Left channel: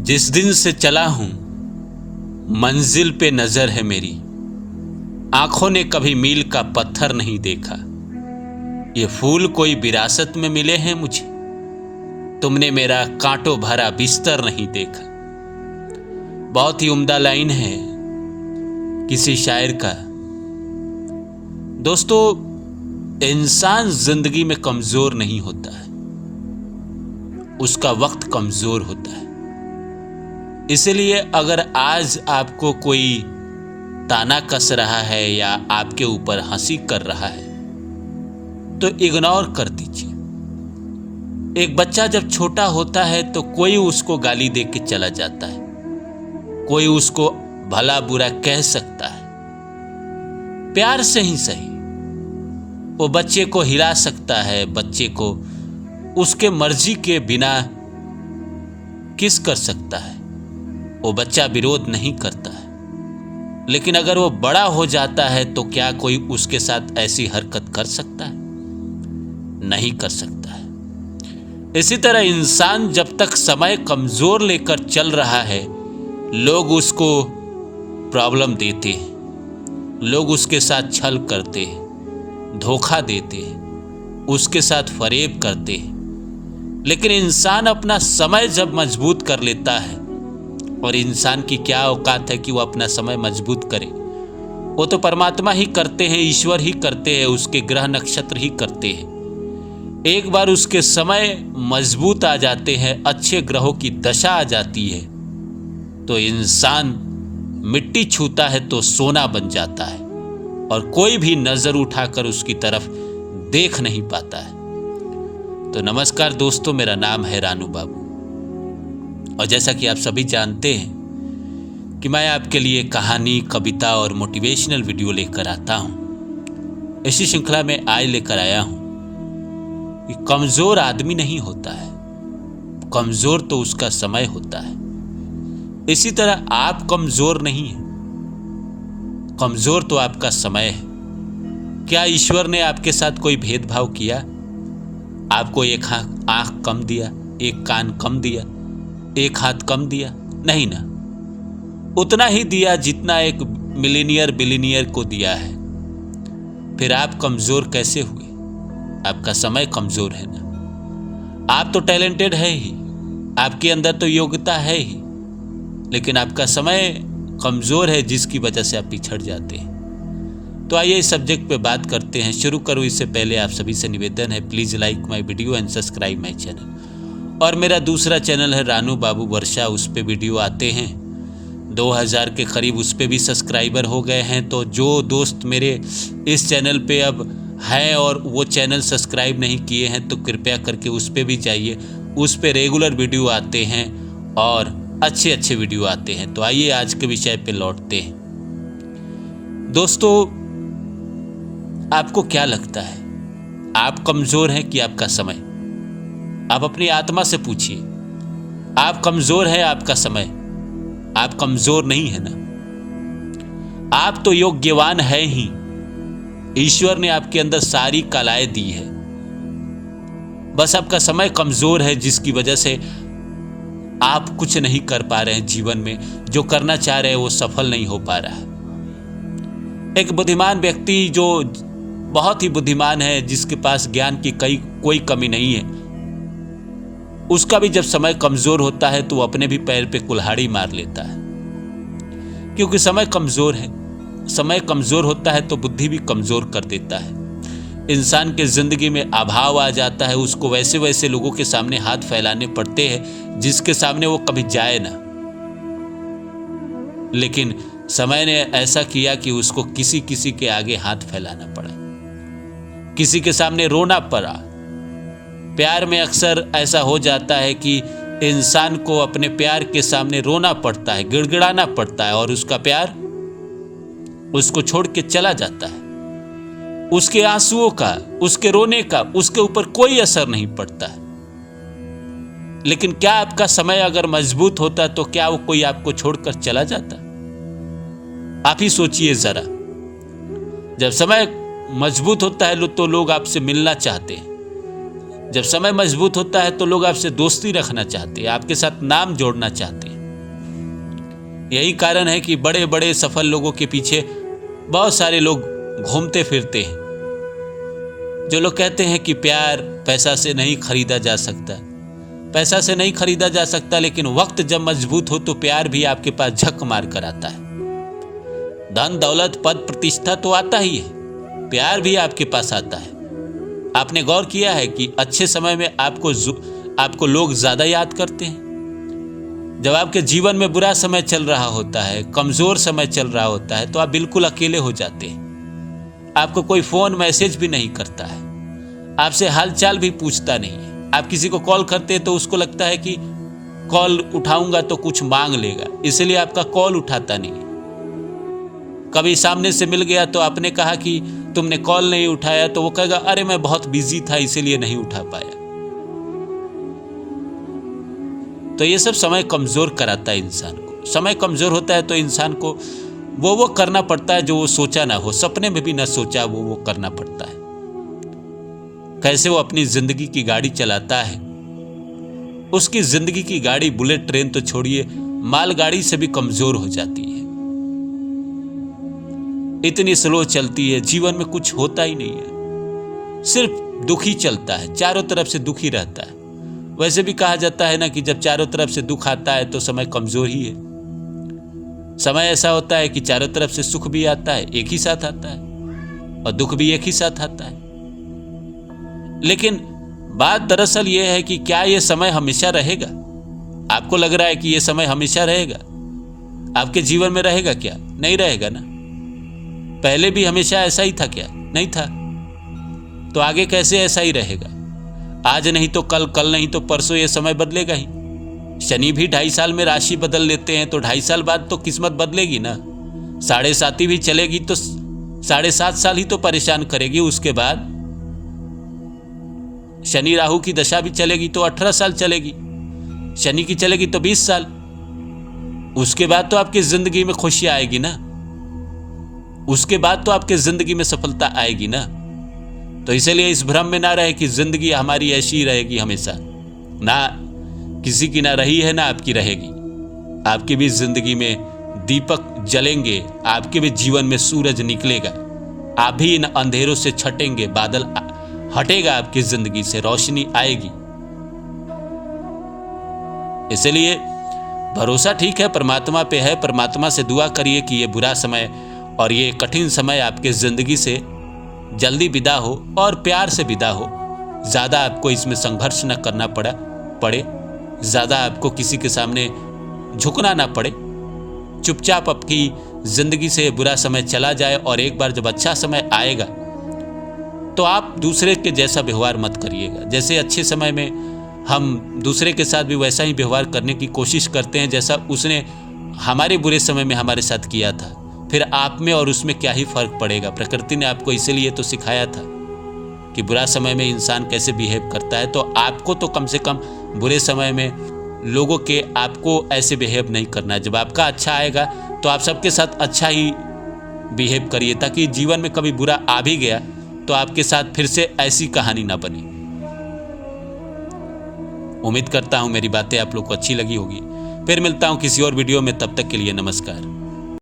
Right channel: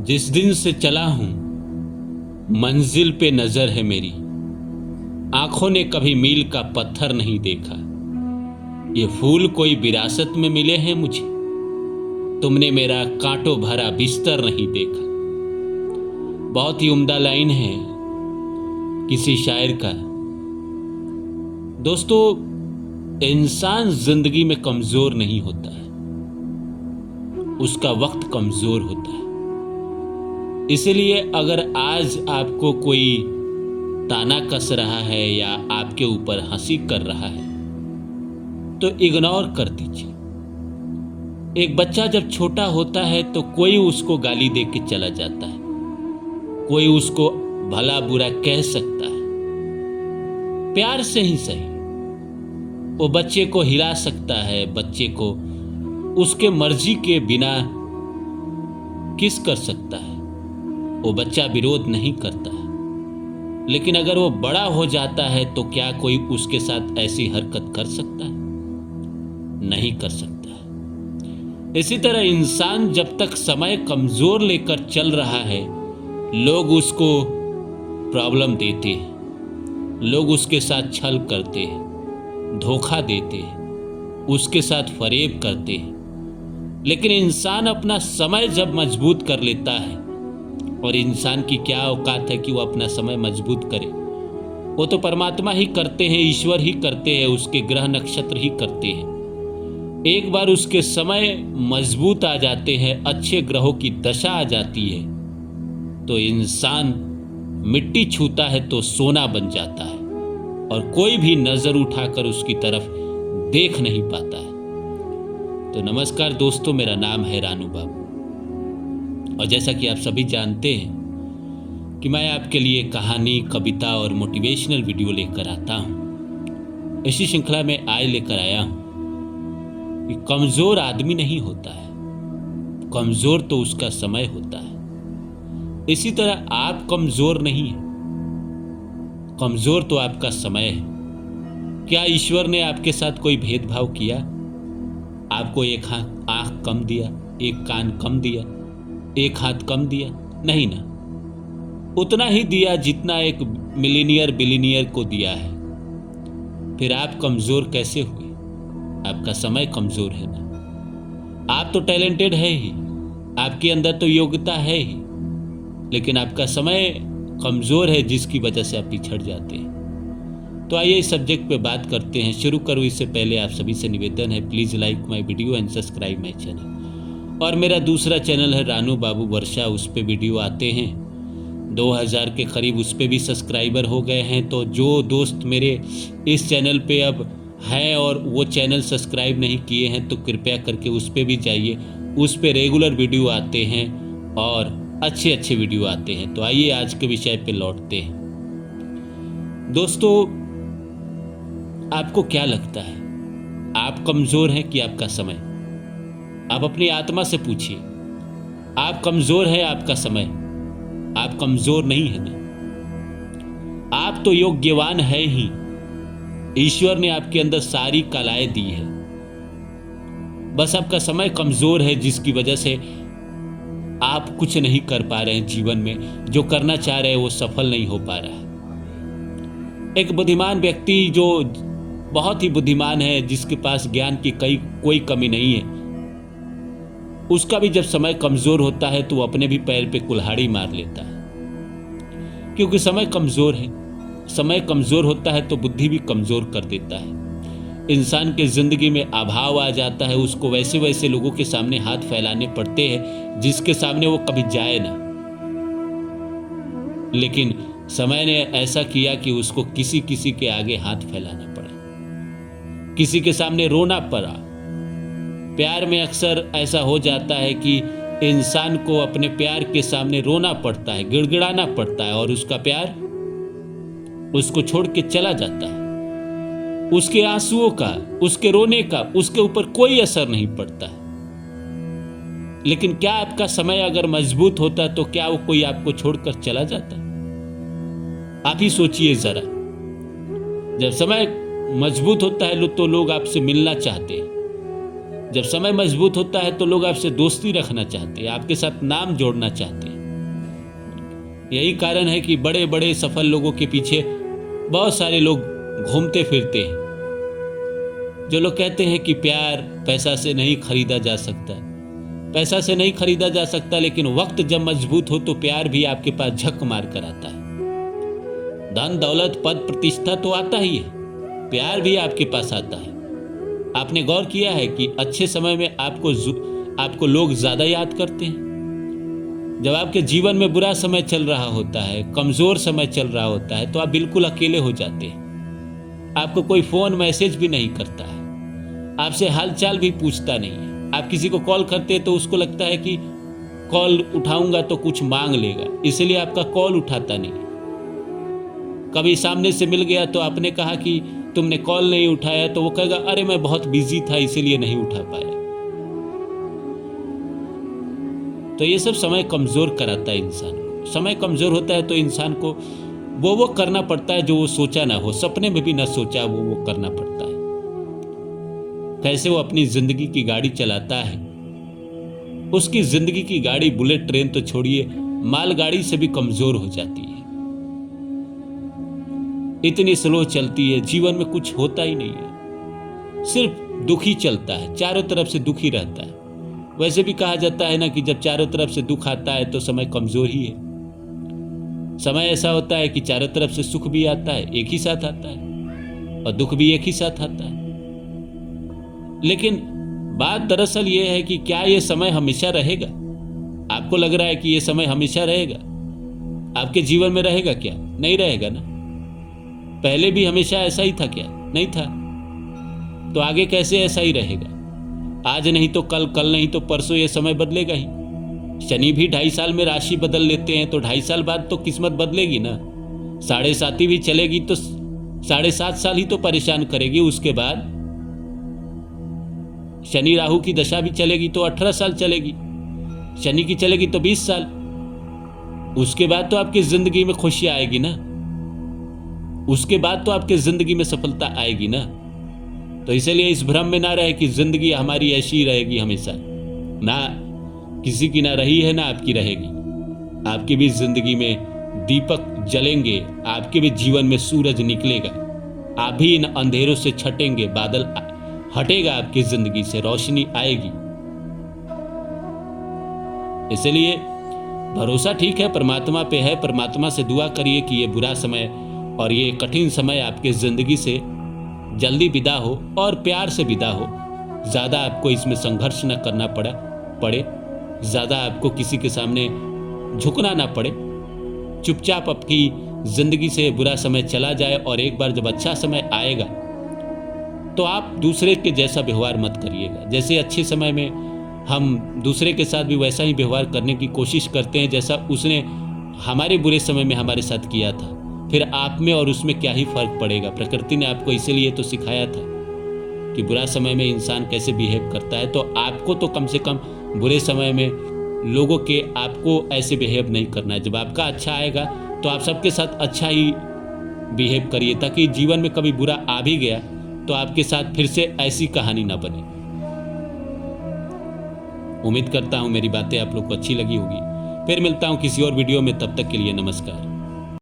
जिस दिन से चला हूं मंजिल पे नजर है मेरी, आंखों ने कभी मील का पत्थर नहीं देखा। ये फूल कोई विरासत में मिले हैं मुझे, तुमने मेरा कांटों भरा बिस्तर नहीं देखा। बहुत ही उम्दा लाइन है किसी शायर का। दोस्तों, इंसान जिंदगी में कमजोर नहीं होता है, उसका वक्त कमजोर होता है। इसलिए अगर आज आपको कोई ताना कस रहा है या आपके ऊपर हंसी कर रहा है तो इग्नोर कर दीजिए। एक बच्चा जब छोटा होता है तो कोई उसको गाली दे के चला जाता है, कोई उसको भला बुरा कह सकता है, प्यार से ही सही वो बच्चे को हिला सकता है, बच्चे को उसके मर्जी के बिना किस कर सकता है। वो बच्चा विरोध नहीं करता है। लेकिन अगर वो बड़ा हो जाता है तो क्या कोई उसके साथ ऐसी हरकत कर सकता है? नहीं कर सकता है। इसी तरह इंसान जब तक समय कमजोर लेकर चल रहा है, लोग उसको प्रॉब्लम देते हैं, लोग उसके साथ छल करते हैं, धोखा देते हैं, उसके साथ फरेब करते हैं। लेकिन इंसान अपना समय जब मजबूत कर लेता है, और इंसान की क्या औकात है कि वो अपना समय मजबूत करे, वो तो परमात्मा ही करते हैं, ईश्वर ही करते हैं, उसके ग्रह नक्षत्र ही करते हैं। एक बार उसके समय मजबूत आ जाते हैं, अच्छे ग्रहों की दशा आ जाती है, तो इंसान मिट्टी छूता है तो सोना बन जाता है और कोई भी नजर उठाकर उसकी तरफ देख नहीं पाता है। तो नमस्कार दोस्तों, मेरा नाम है रानू बाबू, और जैसा कि आप सभी जानते हैं कि मैं आपके लिए कहानी, कविता और मोटिवेशनल वीडियो लेकर आता हूं। इसी श्रृंखला में आज लेकर आया हूं कि कमजोर आदमी नहीं होता है, कमजोर तो उसका समय होता है। इसी तरह आप कमजोर नहीं हैं, कमजोर तो आपका समय है। क्या ईश्वर ने आपके साथ कोई भेदभाव किया? आपको एक आंख कम दिया, एक कान कम दिया, एक हाथ कम दिया? नहीं ना, उतना ही दिया जितना एक मिलीनियर बिलीनियर को दिया है। फिर आप कमजोर कैसे हुए? आपका समय कमजोर है ना। आप तो टैलेंटेड है ही, आपके अंदर तो योग्यता है ही, लेकिन आपका समय कमजोर है जिसकी वजह से आप पिछड़ जाते हैं। तो आइए इस सब्जेक्ट पे बात करते हैं। शुरू करूँ इससे पहले आप सभी से निवेदन है, please like my video and subscribe my channel. और मेरा दूसरा चैनल है रानू बाबू वर्षा, उस पे वीडियो आते हैं 2000 के करीब, उस पे भी सब्सक्राइबर हो गए हैं। तो जो दोस्त मेरे इस चैनल पे अब हैं और वो चैनल सब्सक्राइब नहीं किए हैं तो कृपया करके उस पे भी जाइए, उस पे रेगुलर वीडियो आते हैं और अच्छे अच्छे वीडियो आते हैं। तो आइए आज के विषय पे लौटते हैं। दोस्तों, आपको क्या लगता है, आप कमजोर हैं कि आपका समय? आप अपनी आत्मा से पूछिए, आप कमजोर है आपका समय? आप कमजोर नहीं है ना। आप तो योग्यवान है ही, ईश्वर ने आपके अंदर सारी कलाएं दी है, बस आपका समय कमजोर है जिसकी वजह से आप कुछ नहीं कर पा रहे हैं जीवन में। जो करना चाह रहे हैं वो सफल नहीं हो पा रहा है। एक बुद्धिमान व्यक्ति जो बहुत ही बुद्धिमान है, जिसके पास ज्ञान की कोई कमी नहीं है, उसका भी जब समय कमजोर होता है तो वो अपने भी पैर पे कुल्हाड़ी मार लेता है, क्योंकि समय कमजोर है। समय कमजोर होता है तो बुद्धि भी कमजोर कर देता है। इंसान के जिंदगी में अभाव आ जाता है, उसको वैसे वैसे लोगों के सामने हाथ फैलाने पड़ते हैं जिसके सामने वो कभी जाए ना। लेकिन समय ने ऐसा किया कि उसको किसी किसी के आगे हाथ फैलाना पड़ा, किसी के सामने रोना पड़ा। प्यार में अक्सर ऐसा हो जाता है कि इंसान को अपने प्यार के सामने रोना पड़ता है, गिड़गिड़ाना पड़ता है, और उसका प्यार उसको छोड़ के चला जाता है। उसके आंसुओं का, उसके रोने का उसके ऊपर कोई असर नहीं पड़ता है। लेकिन क्या आपका समय अगर मजबूत होता तो क्या वो कोई आपको छोड़कर चला जाता? आप ही सोचिए जरा। जब समय मजबूत होता है तो लोग आपसे मिलना चाहते हैं, जब समय मजबूत होता है तो लोग आपसे दोस्ती रखना चाहते हैं, आपके साथ नाम जोड़ना चाहते हैं। यही कारण है कि बड़े बड़े सफल लोगों के पीछे बहुत सारे लोग घूमते फिरते हैं। जो लोग कहते हैं कि प्यार पैसा से नहीं खरीदा जा सकता, पैसा से नहीं खरीदा जा सकता, लेकिन वक्त जब मजबूत हो तो प्यार भी आपके पास झक मार कर आता है। धन दौलत पद प्रतिष्ठा तो आता ही है, प्यार भी आपके पास आता है। आपने गौर किया है कि अच्छे समय में आपको लोग ज्यादा याद करते हैं। जब आपके जीवन में बुरा समय चल रहा होता है, कमजोर समय चल रहा होता है, तो आप बिल्कुल अकेले हो जाते हैं। आपको कोई फोन मैसेज भी नहीं करता है, आपसे हालचाल भी पूछता नहीं है। आप किसी को कॉल करते हैं तो उसको लगता है कि कॉल उठाऊंगा तो कुछ मांग लेगा, इसलिए आपका कॉल उठाता नहीं है। कभी सामने से मिल गया तो आपने कहा कि तुमने कॉल नहीं उठाया, तो वो कहेगा अरे मैं बहुत बिजी था इसीलिए नहीं उठा पाया। तो ये सब समय कमजोर कराता है इंसान को। समय कमजोर होता है तो इंसान को वो करना पड़ता है जो वो सोचा ना हो, सपने में भी ना सोचा वो करना पड़ता है। कैसे वो अपनी जिंदगी की गाड़ी चलाता है, उसकी जिंदगी की गाड़ी बुलेट ट्रेन तो छोड़िए, मालगाड़ी से भी कमजोर हो जाती है। इतनी स्लो चलती है, जीवन में कुछ होता ही नहीं है, सिर्फ दुख ही चलता है, चारों तरफ से दुख ही रहता है। वैसे भी कहा जाता है ना कि जब चारों तरफ से दुख आता है तो समय कमजोर ही है। समय ऐसा होता है कि चारों तरफ से सुख भी आता है, एक ही साथ आता है, और दुख भी एक ही साथ आता है। लेकिन बात दरअसल यह है कि क्या यह समय हमेशा रहेगा? आपको लग रहा है कि यह समय हमेशा रहेगा? आपके जीवन में रहेगा क्या? नहीं रहेगा ना। पहले भी हमेशा ऐसा ही था क्या? नहीं था। तो आगे कैसे ऐसा ही रहेगा? आज नहीं तो कल, कल नहीं तो परसों, यह समय बदलेगा ही। शनि भी 2.5 साल में राशि बदल लेते हैं, तो 2.5 साल बाद तो किस्मत बदलेगी ना। 7.5 भी चलेगी तो 7.5 साल ही तो परेशान करेगी। उसके बाद शनि राहु की दशा भी चलेगी तो 18 साल चलेगी, शनि की चलेगी तो 20 साल। उसके बाद तो आपकी जिंदगी में खुशी आएगी ना, उसके बाद तो आपकी जिंदगी में सफलता आएगी ना। तो इसलिए इस भ्रम में ना रहे कि जिंदगी हमारी ऐसी ही रहेगी हमेशा। ना किसी की ना रही है, ना आपकी रहेगी। आपकी भी जिंदगी में दीपक जलेंगे, आपके भी जीवन में सूरज निकलेगा, आप भी इन अंधेरों से छटेंगे, बादल हटेगा आपकी जिंदगी से, रोशनी आएगी। इसलिए भरोसा ठीक है, परमात्मा पे है। परमात्मा से दुआ करिए कि ये बुरा समय और ये कठिन समय आपके जिंदगी से जल्दी विदा हो और प्यार से विदा हो। ज़्यादा आपको इसमें संघर्ष न करना पड़े, ज़्यादा आपको किसी के सामने झुकना ना पड़े। चुपचाप आपकी जिंदगी से बुरा समय चला जाए, और एक बार जब अच्छा समय आएगा तो आप दूसरे के जैसा व्यवहार मत करिएगा। जैसे अच्छे समय में हम दूसरे के साथ भी वैसा ही व्यवहार करने की कोशिश करते हैं जैसा उसने हमारे बुरे समय में हमारे साथ किया था, फिर आप में और उसमें क्या ही फर्क पड़ेगा। प्रकृति ने आपको इसीलिए तो सिखाया था कि बुरा समय में इंसान कैसे बिहेव करता है। तो आपको तो कम से कम बुरे समय में लोगों के आपको ऐसे बिहेव नहीं करना है। जब आपका अच्छा आएगा तो आप सबके साथ अच्छा ही बिहेव करिए, ताकि जीवन में कभी बुरा आ भी गया तो आपके साथ फिर से ऐसी कहानी ना बने। उम्मीद करता हूं मेरी बातें आप लोग को अच्छी लगी होगी। फिर मिलता हूं किसी और वीडियो में, तब तक के लिए नमस्कार।